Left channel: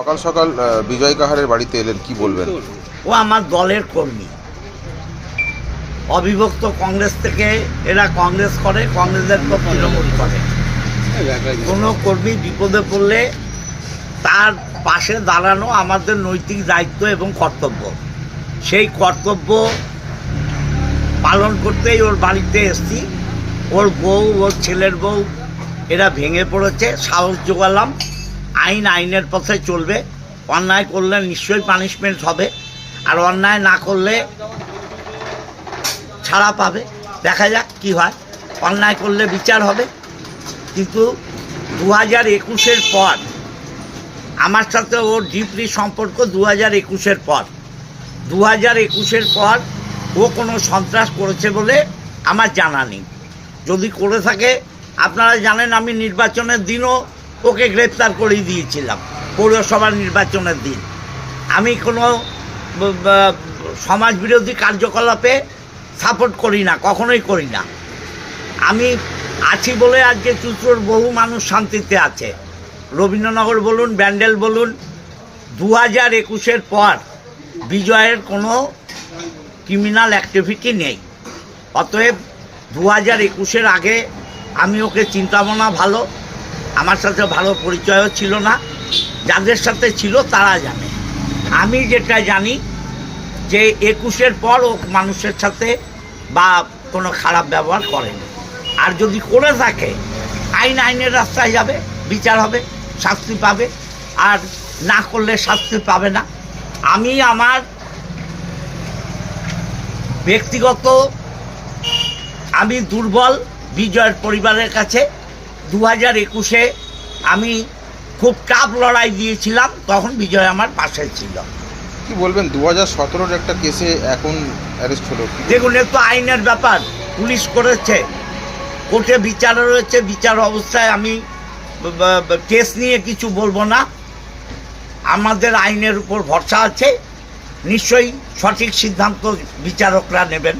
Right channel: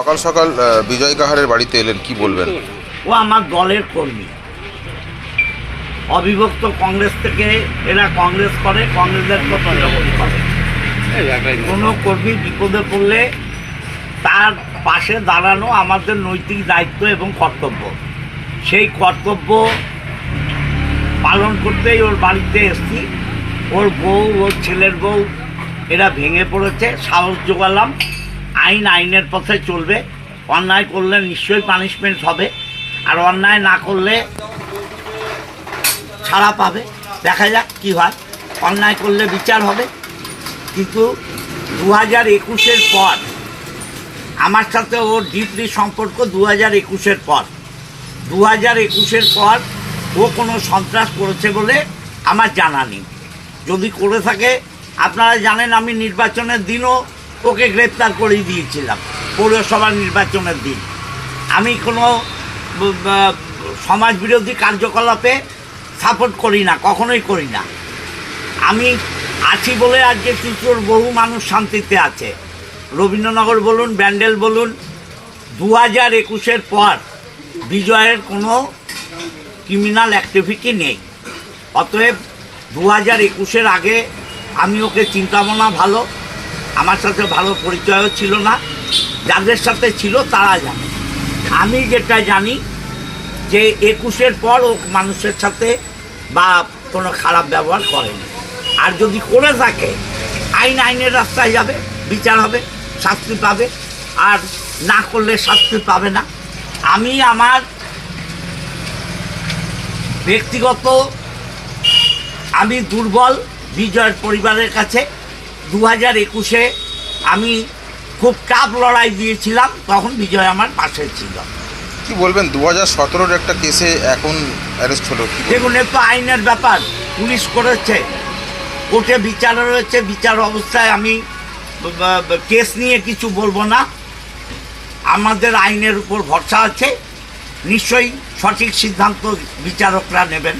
সকাল সকাল বিজয় কাহারের বাড়িতে এলেন, কি বলবেন? ও আমার দলের কর্মী। অবিভক্ত কংগ্রেস থেকে এরা কংগ্রেস করে, কংগ্রেসের পর তৃণমূল করে। কোনো কর্মী বিপদে পড়লে তার পাশে দাঁড়ানো আমাদের নৈতিক দায়িত্ব এবং কর্তব্য। সেই কর্তব্য পালন করতেই ওর বাড়িতে এসছি। ওর বউ, ওর ছেলের বউ এরা ভেঙে পড়েছে, সাহস জোগালাম। আইনের পথে চলবে। অন্যায় করলে নিশ্চয়ই পানিশমেন্ট হবে, আর অন্যায় না করলে ছাড়া পাবে। দেখা যাক কী হয়। অন্যায় করলে বিচার হবে। কিন্তু 2021-এর পর আমার সাথে ওর ডিপলি সম্পর্ক 2021-এর পর। 2021-এর পর ও কোনো সন্ত্রাস করেছে বলে আমার জানা নেই। যদি করে থাকে, আপনারা জানেন আমি নির্বাচনের দিনও ওকে গ্রেপ্তার করেই দিয়েছিলাম, পৌরসভার নির্বাচনের দিন। আমি কোনো সমাজবিরোধী কার্যকলাপে সাপোর্ট করি না, কখনোই করি না। আমি আছি বলে আজকে চিত্রর বহু মানুষ শান্তিতে আছে। রবীন্দ্রনগর বলুন, ব্যান্ডেল বলুন, 2021-এর পর বিজয়ের কোনো ক্রিমিনাল অ্যাক্টিভিটি নেই। অতএব 2021-এর আগে আমি ওকে চিন্তাভাবনা ভালো, আমার সাথে ভালো পরিচয়ও ছিল না। যাদের সাথে ছিল তারা জানে। আমি যেটা জানি যে 21-এর পর ও মানুষের সাথে বা কোনো খারাপ ব্যবহার করেনি। আর যদি করে থাকে, আইনের রাস্তায় যাবে, বিচার হবে, শাস্তি পাবে। আর না করলে শাস্তি পাবে না। আমি আমার ব্যক্তিগত আমি দুর্বল বিজয়ের পরিবারের কাছে। 2021-এ আমি খুব টাফ লড়াই দিয়েছিলাম, তখন বিজয় আমার পাশে ছিল। কি বলবেন 2017-র একটা কেসে এখন অ্যারেস্ট হলো? দেখুন, এ তো আইনের ব্যাপার, পুলিশ করেছে, কোর্টে বিচার রয়েছে। বিচার অবস্থায় আমি কেস নিয়ে কিছু বলবো না। আমাদের আইনের উপর ভরসা আছে, নিশ্চয়ই সঠিক সিদ্ধান্ত বিচারকরা নেবেন।